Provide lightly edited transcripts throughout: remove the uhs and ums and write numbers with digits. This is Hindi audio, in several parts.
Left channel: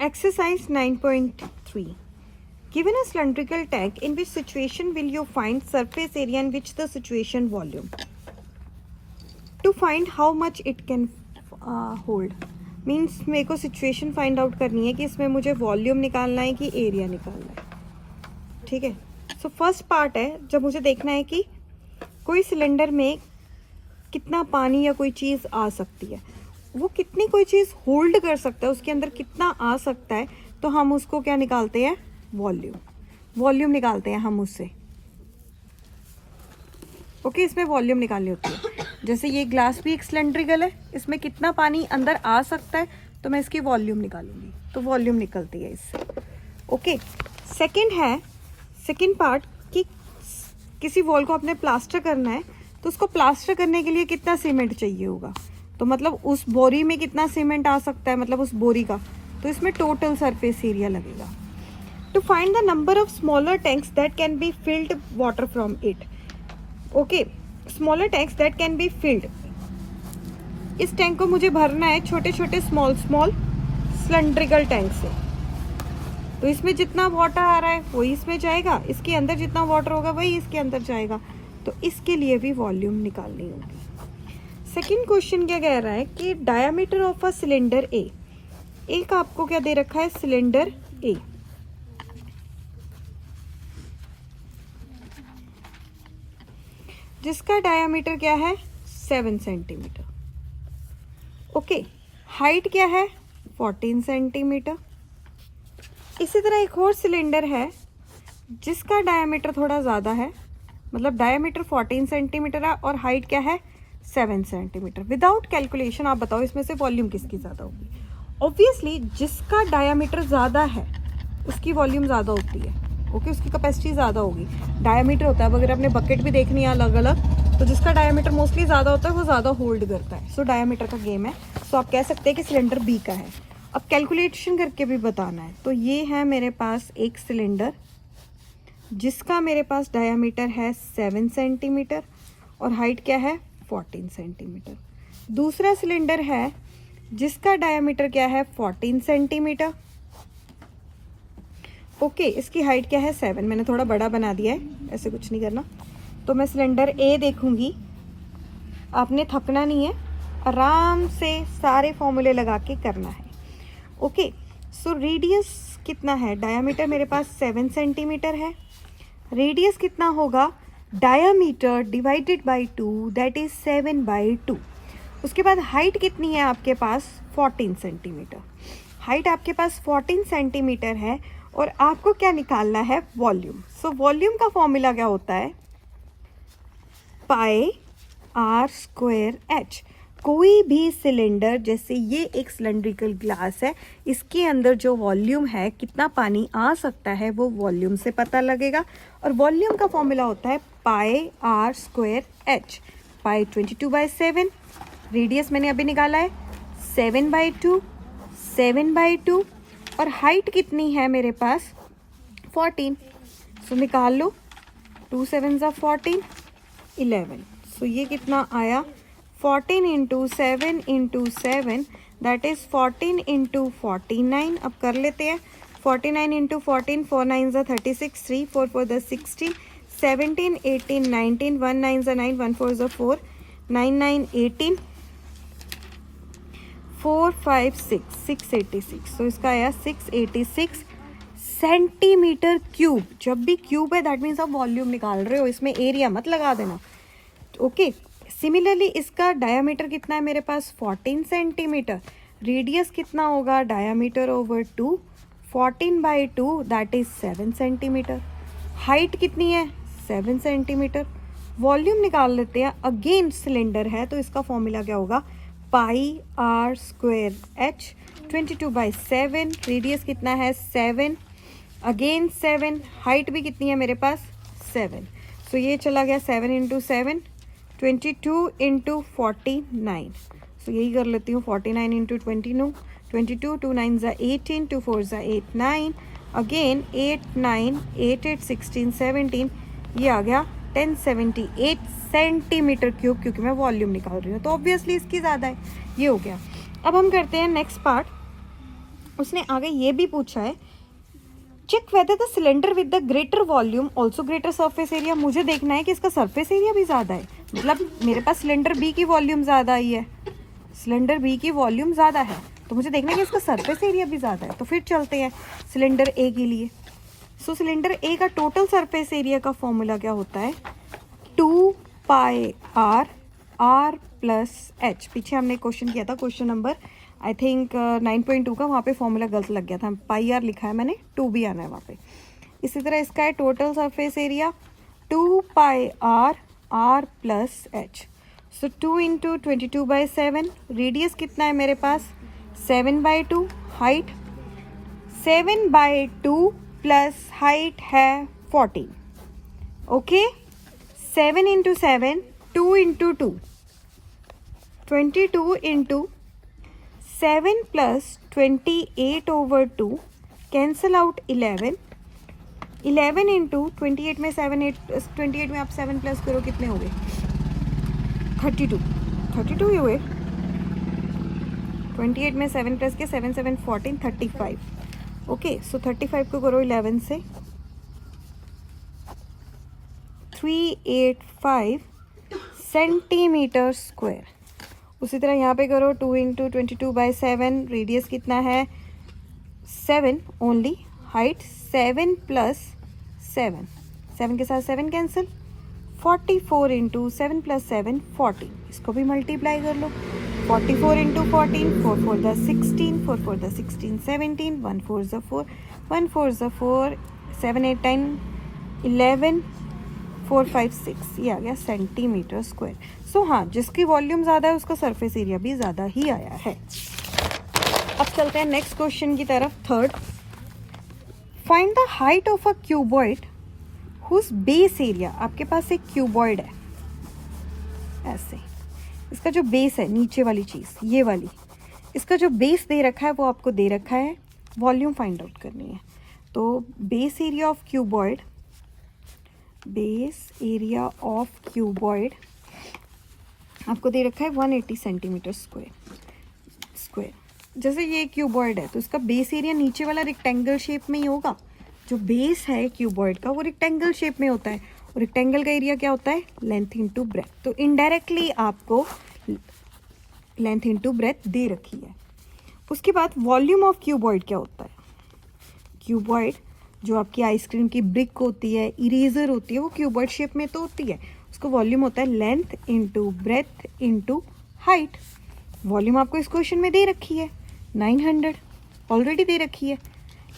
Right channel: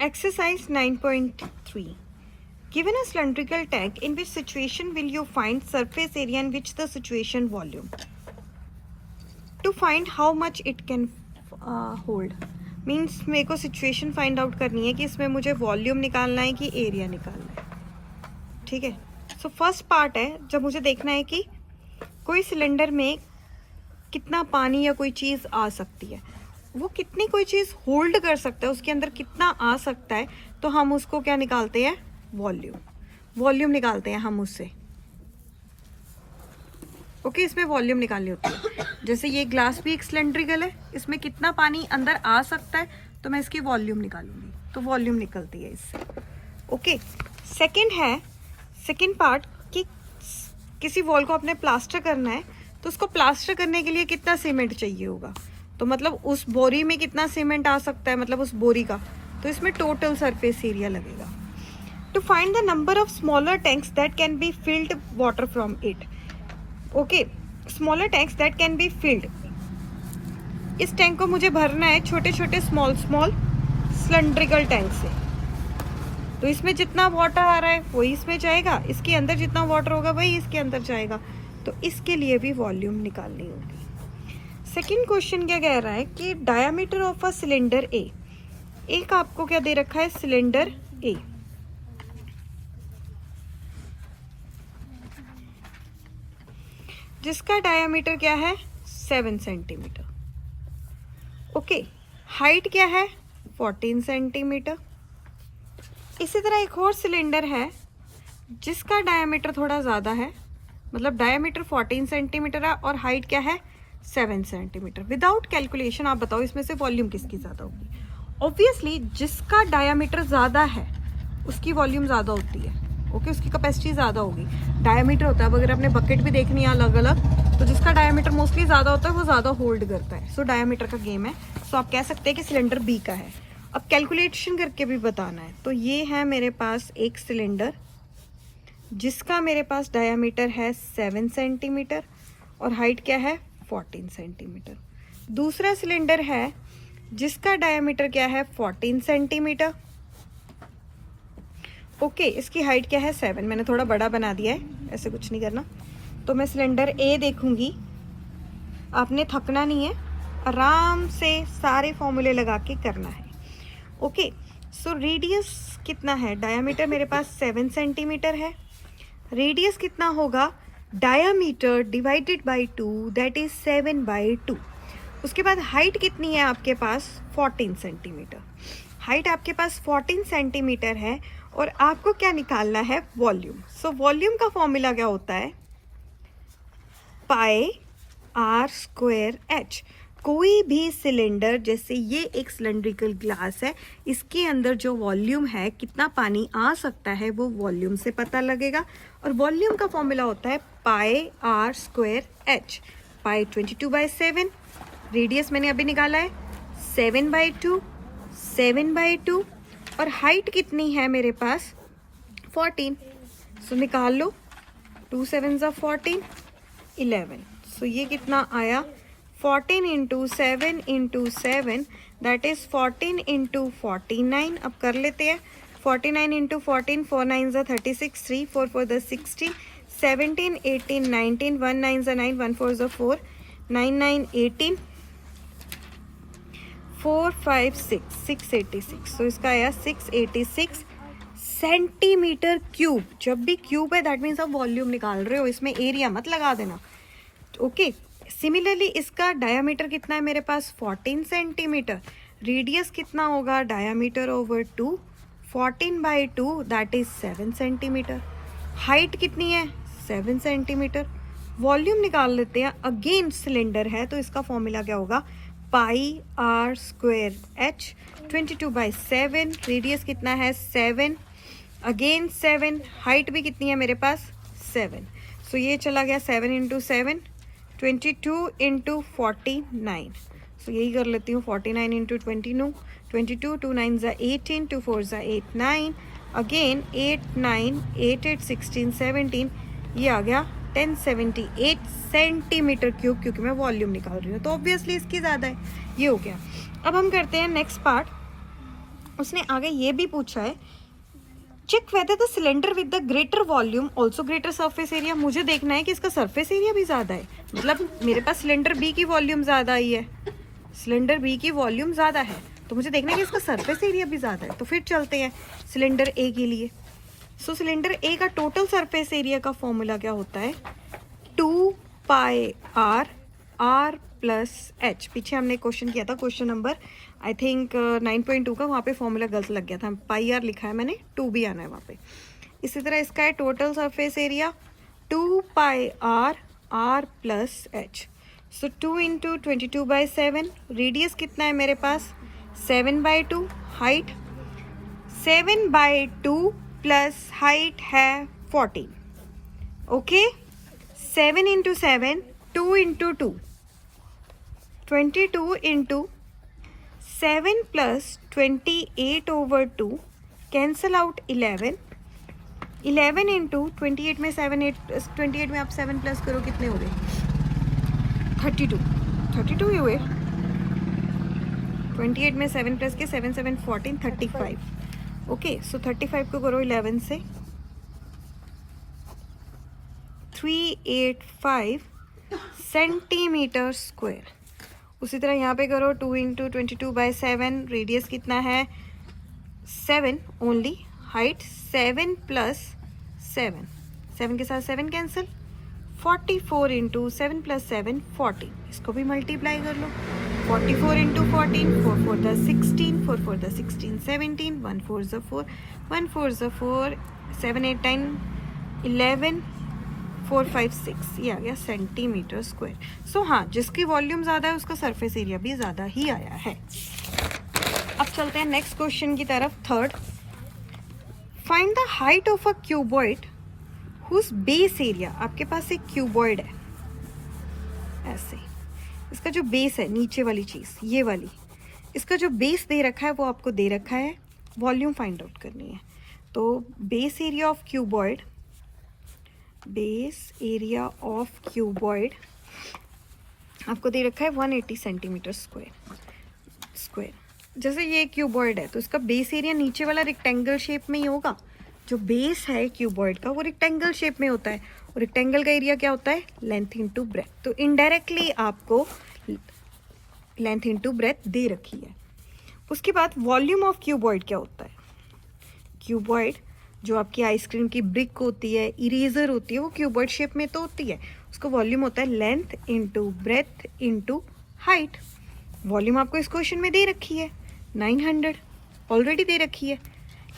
Exercise 9.3. Given a cylindrical tank, in which situation will you find surface area and which the situation volume? To find how much it can hold. Means मेरे को situation find out करनी है कि इसमें मुझे volume निकालना है कि area निकालना है. ठीक है. So first part है जब मुझे देखना है कि कोई सिलेंडर में कितना पानी या कोई चीज़ आ सकती है, वो कितनी कोई चीज़ होल्ड कर सकता है, उसके अंदर कितना आ सकता है, तो हम उसको क्या निकालते हैं? वॉल्यूम निकालते हैं हम उससे. ओके, इसमें वॉल्यूम निकालनी होती है. जैसे ये ग्लास भी एक सिलेंड्रिकल है, इसमें कितना पानी अंदर आ सकता है, तो मैं इसकी वॉल्यूम निकालूंगी, तो वॉल्यूम निकलती है इससे. ओके, सेकंड पार्ट कि किसी वॉल को आपने प्लास्टर करना है, तो उसको प्लास्टर करने के लिए कितना सीमेंट चाहिए होगा, तो मतलब उस बोरी में कितना सीमेंट आ सकता है, मतलब उस बोरी का, तो इसमें टोटल सरफेस एरिया लगेगा. To find the number of smaller tanks that can be filled water from it. Okay, smaller tanks that can be filled. इस टैंक को मुझे भरना है छोटे छोटे स्मॉल सिलेंड्रिकल टैंक से. तो इसमें जितना वाटर आ रहा है वही इसमें जाएगा, इसके अंदर जितना वाटर होगा वही इसके अंदर जाएगा, तो इसके लिए भी वॉल्यूम निकालनी होगी. सेकंड क्वेश्चन क्या कह रहा है कि डायमीटर ऑफ अ सिलेंडर ए. एक आपको क्या दे रखा है? सिलेंडर ए. जिसका डायमीटर क्या है? 7 सेंटीमीटर. ओके, हाइट क्या है? 14 सेंटीमीटर. इसी तरह एक और सिलेंडर है जिसका डायमीटर थोड़ा ज़्यादा है, मतलब डायमीटर 14 सेंटीमीटर है और हाइट क्या है? 7 सेंटीमीटर. विदाउट कैलकुलेशन आप बताओ इसमें से वॉल्यूम किसकी ज़्यादा होगी? ऑब्वियसली जिसका डायमीटर ज़्यादा है उसकी वॉल्यूम ज़्यादा होती है. ओके, उसकी कैपेसिटी ज़्यादा होगी. डायमीटर होता है, अब अगर आपने बकेट भी देखनी है अलग अलग, तो जिसका डायमीटर मोस्टली ज़्यादा होता है वो ज़्यादा होल्ड करता है. सो डायमीटर का गेम है. सो आप कह सकते हैं कि सिलेंडर बी का है. अब कैलकुलेशन करके भी बताना है. तो ये है मेरे पास एक सिलेंडर जिसका मेरे पास डायमीटर है 7 सेंटीमीटर और हाइट क्या है? 14 सेंटीमीटर. दूसरा सिलेंडर है जिसका डायमीटर क्या है? 14 सेंटीमीटर. ओके, इसकी हाइट क्या है? 7. मैंने थोड़ा बड़ा बना दिया है, ऐसे कुछ नहीं करना. तो मैं सिलेंडर ए देखूंगी. आपने थकना नहीं है, आराम से सारे फॉर्मूले लगा के करना है. ओके, सो रेडियस कितना है? डायमीटर मेरे पास 7 सेंटीमीटर है. रेडियस कितना होगा? Diameter divided by 2, that is 7/2. उसके बाद हाइट कितनी है आपके पास? 14 सेंटीमीटर. हाइट आपके पास 14 सेंटीमीटर है और आपको क्या निकालना है? वॉल्यूम. सो वॉल्यूम का फॉर्मूला क्या होता है? Pi r square H. कोई भी सिलेंडर, जैसे ये एक सिलेंड्रिकल ग्लास है, इसके अंदर जो वॉल्यूम है, कितना पानी आ सकता है, वो वॉल्यूम से पता लगेगा. और वॉल्यूम का फॉर्मूला होता है pi r square h. Pi 22/7. Radius मैंने अभी निकाला है 7/2. 7/2 और हाइट कितनी है मेरे पास? 14. सो निकाल लो. 2 7s are 14, 11. सो ये कितना आया? 14 into 7 into 7, that is 14 into 49. अब कर लेते हैं. 49 into 14, 4 9s are 36, 3 4 4 the 16, 17 18 19, 1 9s are 9, 1 4s are 4, 9 9 18, 4 5 6 686. तो इसका आया 686 सेंटीमीटर क्यूब. जब भी क्यूब है दैट मीन्स आप वॉल्यूम निकाल रहे हो, इसमें एरिया मत लगा देना. ओके, सिमिलरली इसका डायमीटर कितना है मेरे पास? 14 सेंटीमीटर. रेडियस कितना होगा? Diameter over 2, 14/2, that is 7 centimetre. Height कितनी है? 7 सेंटीमीटर. वॉल्यूम निकाल लेते हैं. अगेन सिलेंडर है तो इसका फॉर्मूला क्या होगा? पाई आर स्क्वायर एच. 22/7. रेडियस कितना है? 7. अगेन 7. हाइट भी कितनी है मेरे पास? 7. सो ये चला गया 7 इंटू 7, 22 इंटू 49. सो यही कर लेती हूँ. 49 into 22, 2 9s are 18, 2 4s are 8 9. Again 8 9 8 8 16 17. ये आ गया 1078 सेंटीमीटर क्यूब, क्योंकि मैं वॉल्यूम निकाल रही हूँ तो ऑब्वियसली इसकी ज़्यादा है. ये हो गया. अब हम करते हैं नेक्स्ट पार्ट. उसने आगे ये भी पूछा है, check whether the cylinder with the greater volume also greater surface area. मुझे देखना है कि इसका सरफेस एरिया भी ज़्यादा है, मतलब मेरे पास सिलेंडर बी की वॉल्यूम ज़्यादा आई है, सिलेंडर बी की वॉल्यूम ज़्यादा है, तो मुझे देखना है कि इसका सरफेस एरिया भी ज़्यादा है। तो फिर चलते हैं सिलेंडर ए के लिए। सो सिलेंडर ए का टोटल सरफेस एरिया का फॉर्मूला क्या होता है, 2 pi r r plus H. पीछे हमने क्वेश्चन किया था, क्वेश्चन नंबर आई थिंक 9.2 का, वहाँ पे फॉर्मूला गलत लग गया था, पाई आर लिखा है मैंने, 2 भी आना है वहाँ पे। इसी तरह इसका है total surface area 2 pi r r plus h. So 2 into 22/7, radius कितना है मेरे पास 7/2, हाइट 7/2 प्लस हाइट है 14। Okay, 7 into 7, 2 into 2, 22 into 7 plus 28/2, cancel out 11, 11 into 28 में 7, 28 में आप 7 प्लस करो, कितने हो गए 32, 32 ही हुए। 28 में 7 प्लस के 7 7 14, 35। ओके, सो 35 को करो 11 से, 385 सेंटीमीटर स्क्वायर। उसी तरह यहाँ पे करो 2 इंटू 22/7, रेडियस कितना है 7 ओनली, हाइट 7 प्लस 7, 7 के साथ 7 कैंसिल, 44 इंटू 7 प्लस 7 14। इसको भी मल्टीप्लाई कर लो, 44 into 14, 4 4 the 16, 4 4 the 16 17, 1 4 the 4, 1 4 the 4, 7 8 10 11, 4 5 6, ये आ गया सेंटीमीटर स्क्वायर। सो हाँ, जिसकी वॉल्यूम ज़्यादा है उसका सरफेस एरिया भी ज़्यादा ही आया है। अब चलते हैं नेक्स्ट क्वेश्चन की तरफ, third. Find the height of a cuboid whose base area. आपके पास एक क्यूबॉइड है ऐसे, इसका जो बेस है नीचे वाली चीज़ ये वाली, इसका जो बेस दे रखा है वो आपको दे रखा है, वॉल्यूम फाइंड आउट करनी है। तो base area of cuboid, base area of cuboid आपको दे रखा है 180 सेंटीमीटर स्क्वायर। जैसे ये क्यूबॉइड है तो इसका बेस एरिया नीचे वाला रेक्टेंगल शेप में ही होगा। जो बेस है क्यूबॉइड का वो रेक्टेंगल शेप में होता है, और रेक्टेंगल का एरिया क्या होता है लेंथ इंटू ब्रेथ। तो इनडायरेक्टली आपको लेंथ इंटू ब्रेथ दे रखी है। उसके बाद वॉल्यूम ऑफ क्यूबॉइड क्या होता है, क्यूबॉइड जो आपकी आइसक्रीम की ब्रिक होती है, इरेजर होती है, वो क्यूबॉइड शेप में तो होती है, उसका वॉल्यूम होता है length into breadth into height. Volume आपको इस क्वेश्चन में दे रखी है 900 ऑलरेडी दे रखी है,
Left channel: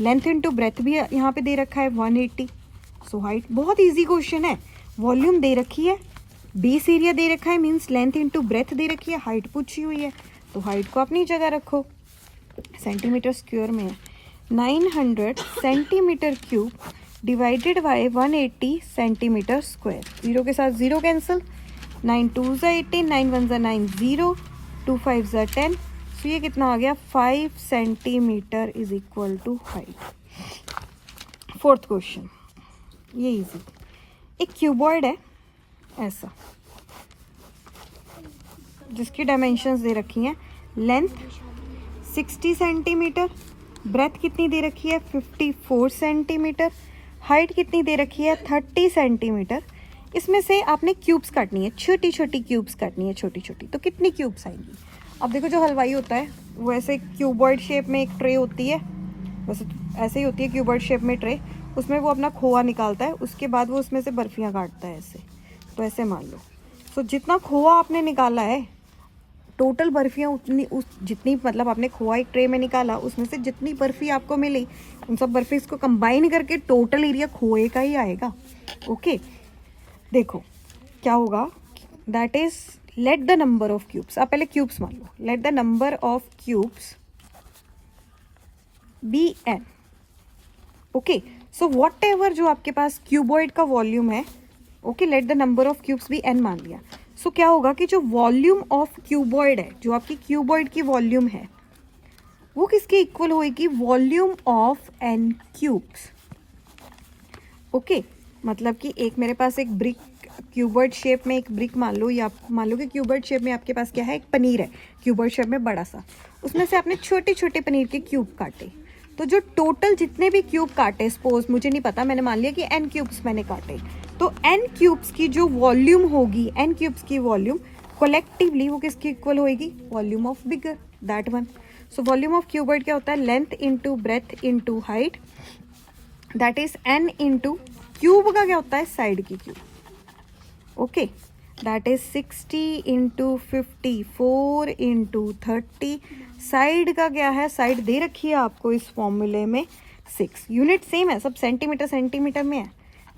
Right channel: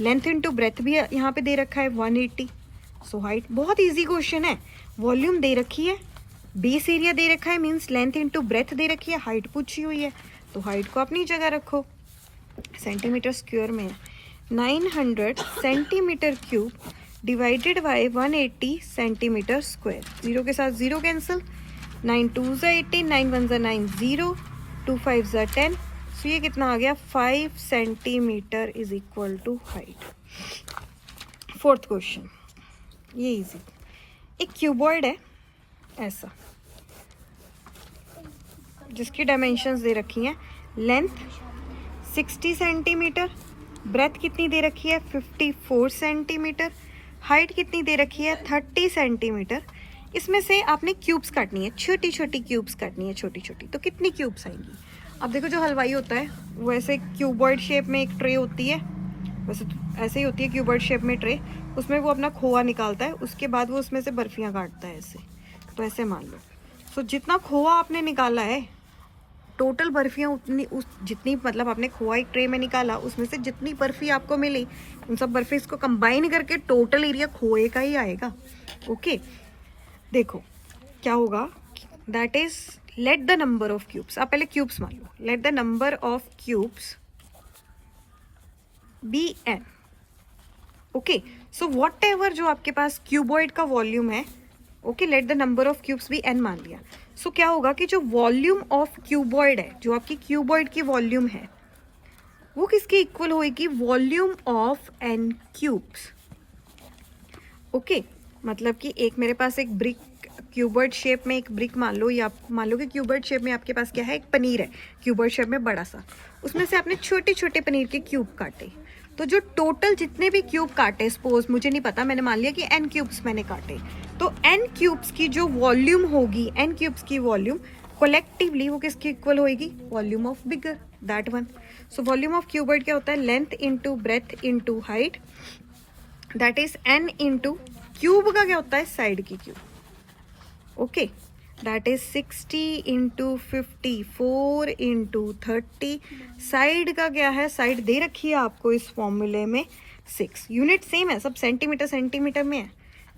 लेंथ इंटू ब्रेथ भी यहाँ पे दे रखा है 180। सो हाइट, बहुत इजी क्वेश्चन है, वॉल्यूम दे रखी है, बेस एरिया दे रखा है, मीन्स लेंथ इंटू ब्रेथ दे रखी है, हाइट पूछी हुई है, तो हाइट को अपनी जगह रखो, सेंटीमीटर स्क्वायर में है। 900 centimetre cube divided by 180 centimetre square. Zero के साथ जीरो कैंसिल, 9 2 18, 9 1 9 0, 2 5 10। सो ये कितना आ गया 5 centimetre is equal to height. Fourth question, ये इजी। एक क्यूबॉइड है ऐसा, जिसकी डायमेंशंस दे रखी हैं, लेंथ 60 सेंटीमीटर, ब्रेथ कितनी दे रखी है 54 सेंटीमीटर, हाइट कितनी दे रखी है 30 सेंटीमीटर। इसमें से आपने क्यूब्स काटनी है, छोटी छोटी क्यूब्स काटनी है, छोटी छोटी। तो कितनी क्यूब्स आएंगी। अब देखो, जो हलवाई होता है वो ऐसे क्यूबॉइड शेप में एक ट्रे होती है, वैसे ऐसे ही होती है क्यूबॉइड शेप में ट्रे, उसमें वो अपना खोआ निकालता है, उसके बाद वो उसमें से बर्फियाँ काटता है ऐसे। तो ऐसे मान लो, सो जितना खोआ आपने निकाला है, टोटल बर्फियाँ उतनी जितनी, मतलब आपने खोआ एक ट्रे में निकाला, उसमें से जितनी बर्फी आपको मिली, उन सब बर्फी को कंबाइन करके टोटल एरिया खोए का ही आएगा। ओके, देखो क्या होगा, that is let the number of cubes. आप पहले क्यूब्स मान लो, let the number of cubes be n. Okay, so whatever जो आपके पास क्यूबॉइड का वॉल्यूम है, okay, let the number of cubes be n मान लिया। सो क्या होगा कि जो वॉल्यूम ऑफ क्यूबॉइड है, जो आपकी क्यूबॉइड की वॉल्यूम है, वो किसके इक्वल होएगी, volume of n cubes. Okay, मतलब कि एक मेरे पास एक ब्रिक, क्यूबॉइड शेप में एक ब्रिक मान लो, या मान लो कि क्यूबॉइड शेप में आपके पास क्या है, एक पनीर है क्यूबॉइड शेप में बड़ा सा, उसमें से आपने छोटे छोटे पनीर के क्यूब काटे, तो जो टोटल जितने भी क्यूब काटे, सपोज मुझे नहीं पता, मैंने मान लिया कि n क्यूब्स मैंने काटे, तो n क्यूब्स की जो वॉल्यूम होगी, n क्यूब्स की वॉल्यूम कोलेक्टिवली वो किसकी इक्वल होएगी? Volume of bigger, that one. So volume of cuboid क्या होता है? Length into breadth into height, that is n into cube का क्या होता है? साइड की cube, okay, that is 60 into 54 into 30। Side का क्या है? साइड दे रखी है आपको इस फॉर्मूले में 6। यूनिट सेम है, सब सेंटीमीटर सेंटीमीटर में है।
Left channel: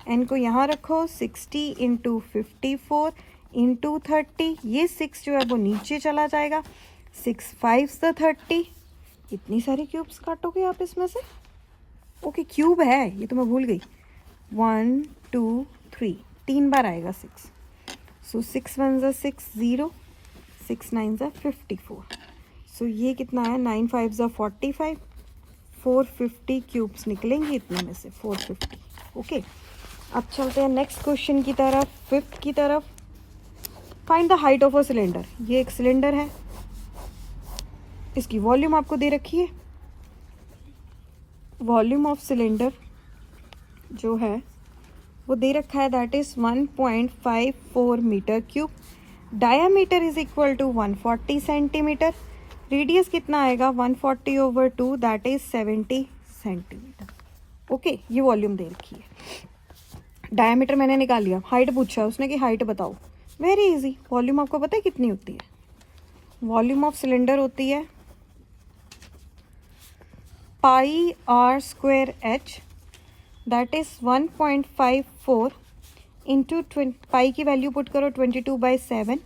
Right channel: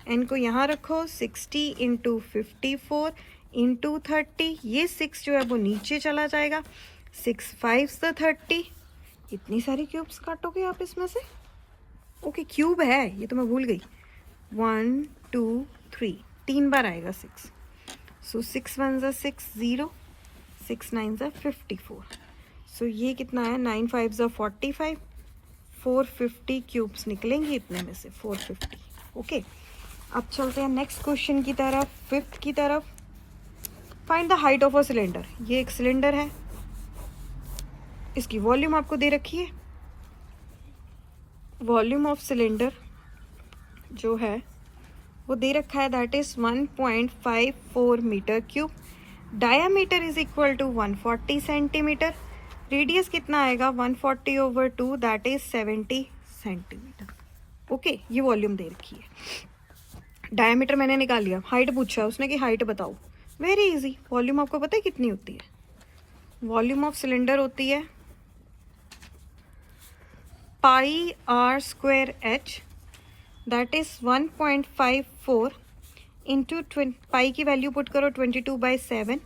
एन को यहाँ रखो, 60 इंटू 54 इंटू 30, ये 6 जो है वो नीचे चला जाएगा, 6 5 30। इतनी सारी क्यूब्स काटोगे आप इसमें से? ओके, क्यूब है ये तो मैं भूल गई। 1 2 3, 3 बार आएगा 6। सो 6 1 ज़ा 6 0, 6 9 ज़ा 54। सो ये कितना है? 9 5 ज़ा 45, 450 क्यूब्स निकलेंगे इतने में से, 450। ओके, अब चलते हैं नेक्स्ट क्वेश्चन की तरफ, फिफ्थ की तरफ। Find the height of a cylinder. ये एक सिलेंडर है, इसकी वॉल्यूम आपको दे रखी है। वॉल्यूम ऑफ सिलेंडर जो है वो दे रखा है, that is 1.54 metre cube. Diameter is equal to 140 centimetre. Radius कितना आएगा? 140/2, दैट इज 70 सेंटीमीटर। ओके, ये वॉल्यूम दे रखी है। डायामीटर मैंने निकाल लिया। हाइट पूछा है उसने कि हाइट बताओ, वेरी इजी। वॉल्यूम आपको पता है कितनी होती है? वॉल्यूम ऑफ सिलेंडर होती है pi r square h, that is 1.54 into pi की वैल्यू पुट करो 22/7।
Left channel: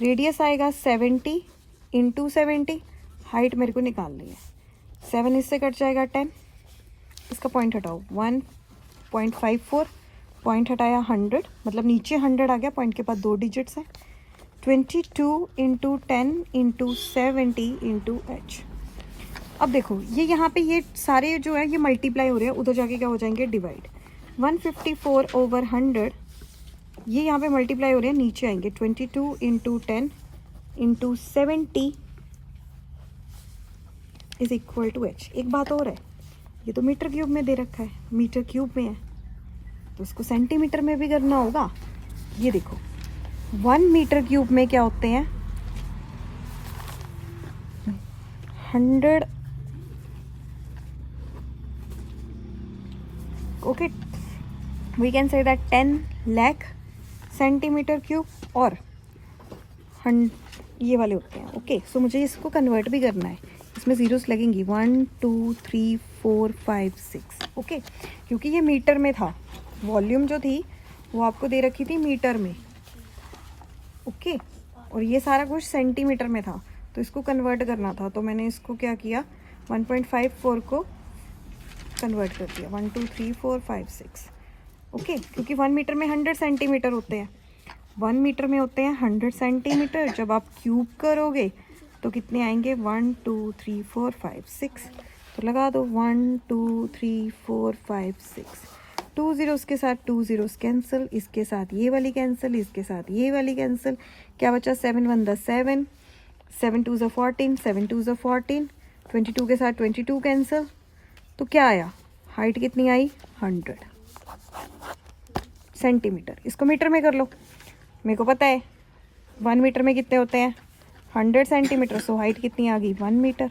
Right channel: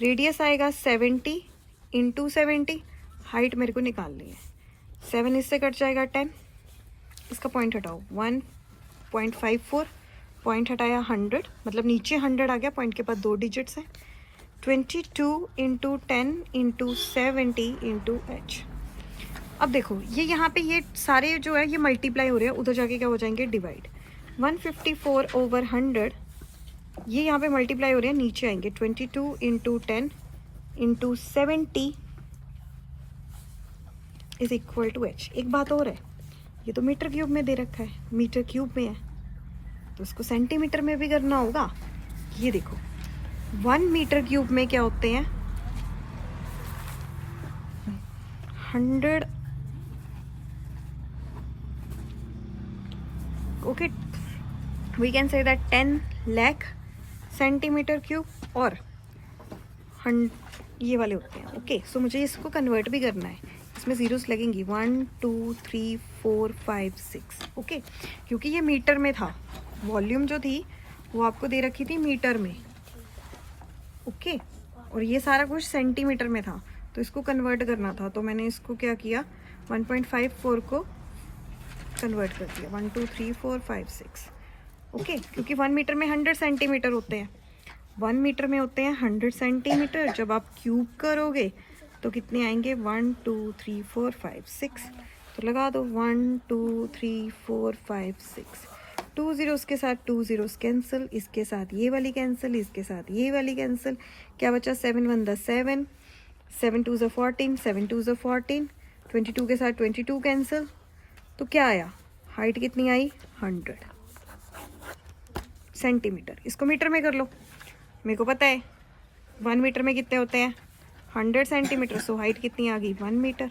रेडियस आएगा 70 इंटू 70। हाइट मेरे को निकालनी है, 7 इससे कट जाएगा 10, इसका पॉइंट हटाओ, 1.54, पॉइंट हटाया 100, मतलब नीचे 100 आ गया, पॉइंट के पास 2 डिजिट्स हैं। 22 इंटू 10 इंटू 70 इंटू एच। अब देखो ये यहाँ पे ये सारे जो है ये मल्टीप्लाई हो रहे हैं, उधर जाके क्या हो जाएंगे? डिवाइड। 154/100 ये यहाँ पे मल्टीप्लाई हो रहे हैं, नीचे आएंगे। 22 into 10 into 70 is equal to h. एक बात और है, ये तो मीटर क्यूब में दे रखा है, मीटर क्यूब में है तो उसको सेंटीमीटर में भी करना होगा। ये देखो 1 मीटर क्यूब में क्या होते हैं? 100, okay, we can say that 10 lakh centimetre cube, और ये वाले होते हैं। ओके, सो मुझे इसको कन्वर्ट भी करना है, इसमें जीरोस लगेंगी। 1 2 3 4 5 6। ओके, क्योंकि ये मीटर में था, वॉल्यूम जो थी वो आपको दे रखी थी मीटर में। ओके, और ये सारा कुछ सेंटीमीटर में था, तो इसको कन्वर्ट करना था, तो मैंने इसको क्या किया? 1.54 को कन्वर्ट कर दिया। 1 2 3 4 5 6। ओके, क्योंकि 1 मीटर में 100 सेंटीमीटर होते हैं, 1 मीटर में होते हैं 100 सेंटीमीटर। जब आप क्यूब करोगे तो कितने आएंगे? 1 2 3 4 5 6। तो लगा दो 1 2 3 4 5 6। 2 जीरोस के साथ 2 जीरोस कैंसिल, इसके साथ ये वाली कैंसिल, इसके साथ ये वाली कैंसिल। क्या बचा? 7 1 ज़ा 7, 7 2 ज़ा 14, 7 2 ज़ा 14, 22 के साथ 22 कैंसिल। तो क्या आया? हाइट कितनी आई? 100 सेंटीमीटर। इसको मीटर में कर लो, मेरे को पता है 1 मीटर में कितने होते हैं? 100 सेंटीमीटर। सो हाइट कितनी आ गई? 1 मीटर।